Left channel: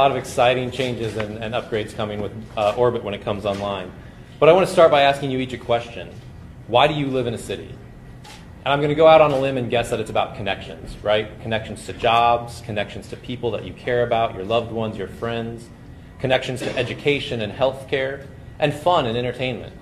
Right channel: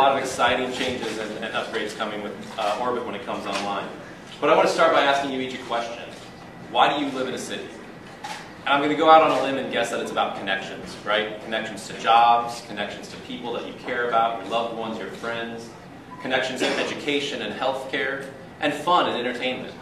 A lot of exciting changes and upgrades coming with Orbit when it comes online. But I want to start by asking you each a question. Why do you live in a city? And I'm going to go out on a limb and guess that it's about connections, right? Connections to jobs, connections to people that you care about, your loved ones, your friends, connections to education and healthcare, and fun and entertainment.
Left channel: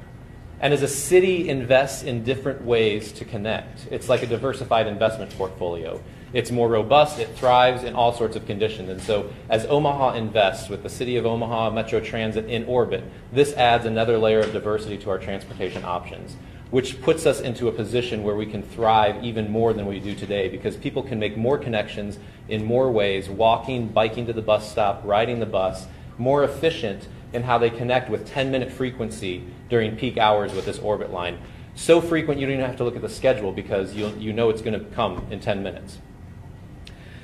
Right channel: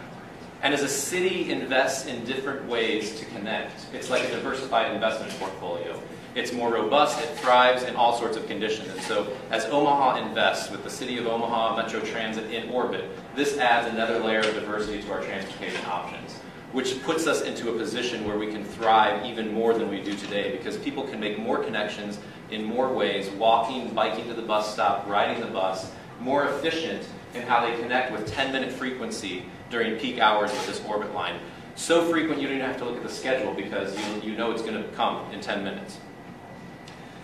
And as a city invests in different ways to connect, it's like a diversified investment portfolio. It's more robust, it thrives in all sorts of conditions. And so as Omaha invests with the City of Omaha Metro Transit in Orbit, this adds another layer of diversity to our transportation options, which puts us into a position where we can thrive even more than we do today, because people can make more connections in more ways, walking, biking to the bus stop, riding the bus, more efficient in how they connect with 10-minute frequency during peak hours with this Orbit line. So frequent you don't even have to look at the schedule because you know it's going to come in 10 minutes.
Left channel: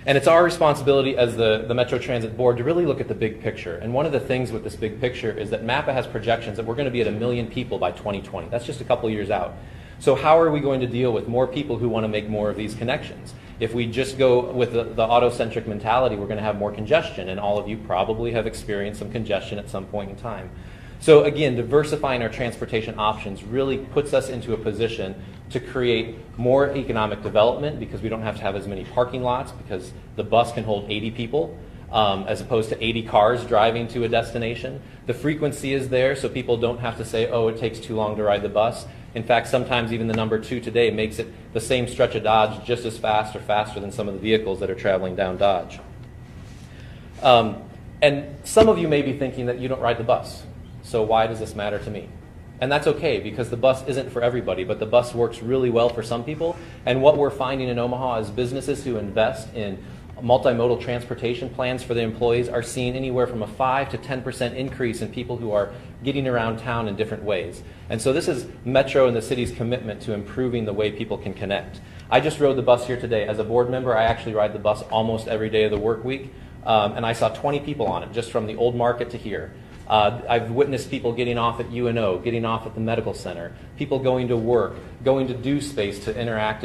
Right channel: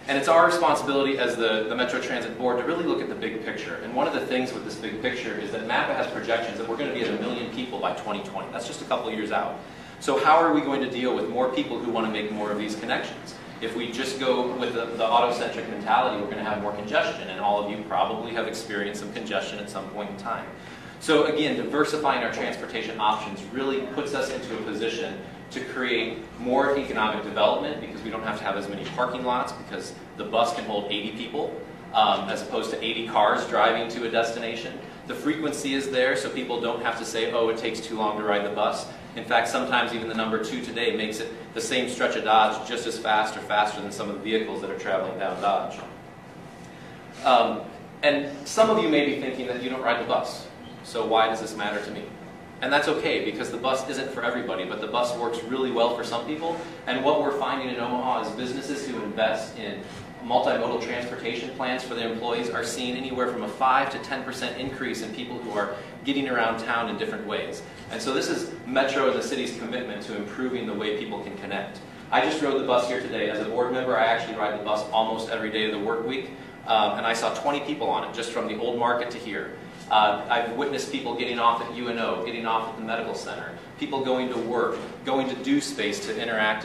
And it's our responsibility as the Metro Transit Board to really look at the big picture. And one of the things with this big picture is that MAPA has projections that we're going to be at 1 million people by 2020. That's just a couple years out. So how are we going to deal with more people who want to make more of these connections? If we just go with the auto-centric mentality, we're going to have more congestion. And all of you probably have experienced some congestion at some point in time. So again, diversifying our transportation options really puts us into a position to create more economic development, because we don't have to have as many parking lots, because the bus can hold 80 people as opposed to 80 cars driving to a destination. The frequency is there, so people don't have to say, oh, it takes too long to ride the bus. In fact, sometimes even the number 2 today makes it the same stretch of Dodge just as fast or faster than some of the vehicles that are traveling down Dodge. And some of you may be thinking that you don't ride the bus, so why does this matter to me? And that's okay, because the bus isn't for everybody, but the bus works really well for some people. And what we're finding in Omaha is businesses who invest in multimodal transportation plans for their employees are seeing anywhere from a 5 to 10% increase in people who are getting around town in different ways. And so this is Metro and the city's commitment to improving the way people can connect. I just rode the bus here today. As a board member, I actually ride the bus almost every day of the work week, and I saw 20 people on it, just from the old market to here. I've witnessed people getting off at UNO, getting off at the medical center, people going to work, going to Do Space to interact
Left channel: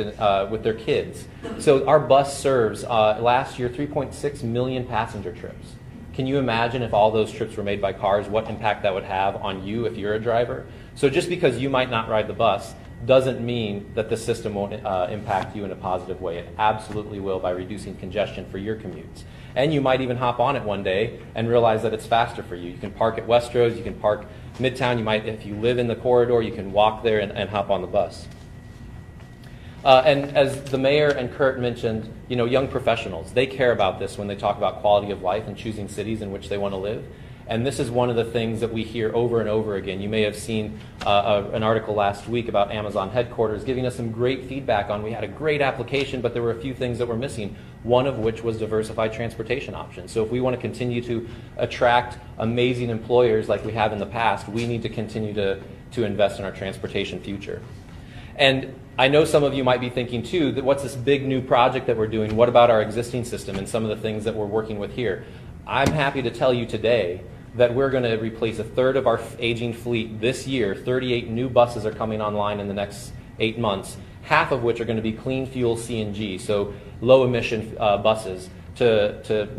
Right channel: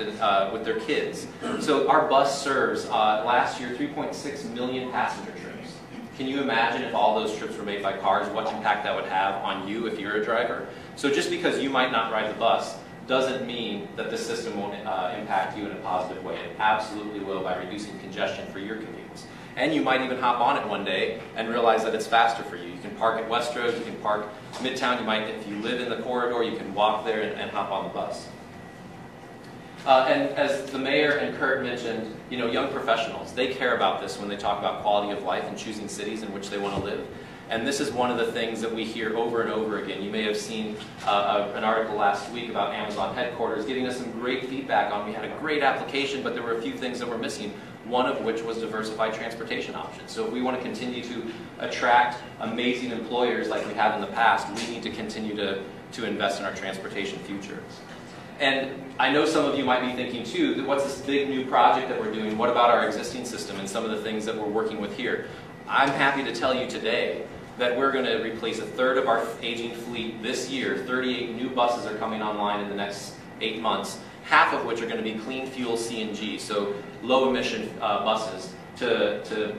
with their kids. So our bus serves, last year, 3.6 million passenger trips. Can you imagine if all those trips were made by cars, what impact that would have on you if you're a driver? So just because you might not ride the bus doesn't mean that the system won't impact you in a positive way. It absolutely will, by reducing congestion for your commutes. And you might even hop on it one day and realize that it's faster for you. You can park at Westroads, you can park Midtown, you might, if you live in the corridor, you can walk there and hop on the bus. And as the mayor and Kurt mentioned, young professionals, they care about this when they talk about quality of life and choosing cities in which they want to live. And this is one of the things that we hear over and over again. You may have seen an article last week about Amazon headquarters giving us some great feedback on, we had a great application, but there were a few things that were missing, one of which was diversified transportation options. So if we want to continue to attract amazing employers like we have in the past, we need to continue to invest in our transportation future. And I know some of you might be thinking too, that what's this big new project that we're doing? What about our existing system and some of the things that we're working with here? I'm happy to tell you today that we're going to replace 1/3 of our aging fleet this year. 38 new buses are coming online in the next 8 months, half of which are going to be clean fuel CNG, so low emission buses to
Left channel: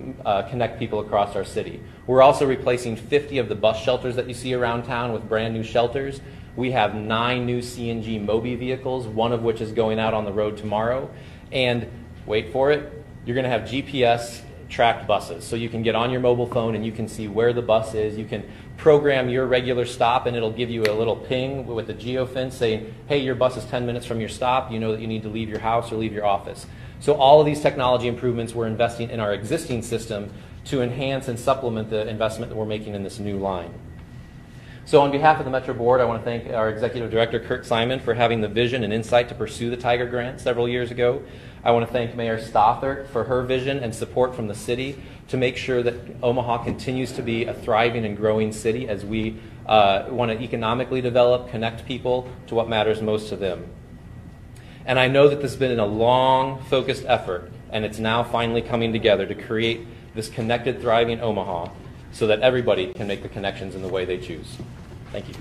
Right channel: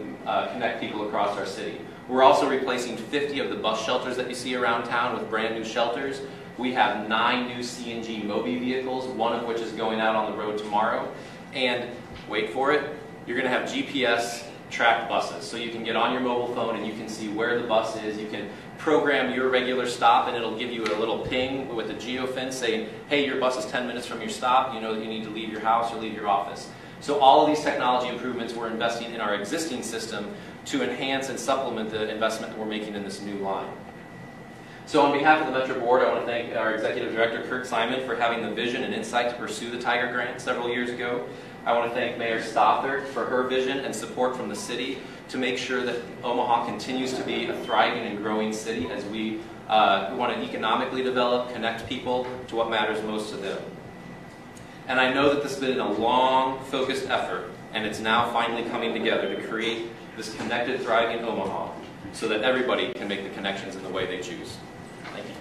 connect people across our city. We're also replacing 50 of the bus shelters that you see around town with brand new shelters. We have 9 new CNG Mobi vehicles, one of which is going out on the road tomorrow. And wait for it, you're going to have GPS tracked buses. So you can get on your mobile phone and you can see where the bus is. You can program your regular stop and it'll give you a little ping with a geofence saying, hey, your bus is 10 minutes from your stop. You know that you need to leave your house or leave your office. So all of these technology improvements we're investing in our existing system to enhance and supplement the investment that we're making in this new line. So on behalf of the Metro Board, I want to thank our Executive Director, Kurt Simon, for having the vision and insight to pursue the Tiger Grant several years ago. I want to thank Mayor Stothert for her vision and support from the city to make sure that Omaha continues to be a thriving and growing city as we want to economically develop, connect people to what matters most to them. And I know that this has been a long, focused effort, and it's now finally coming together to create this connected, thriving Omaha so that everybody can make the connections in the way they choose. Thank you.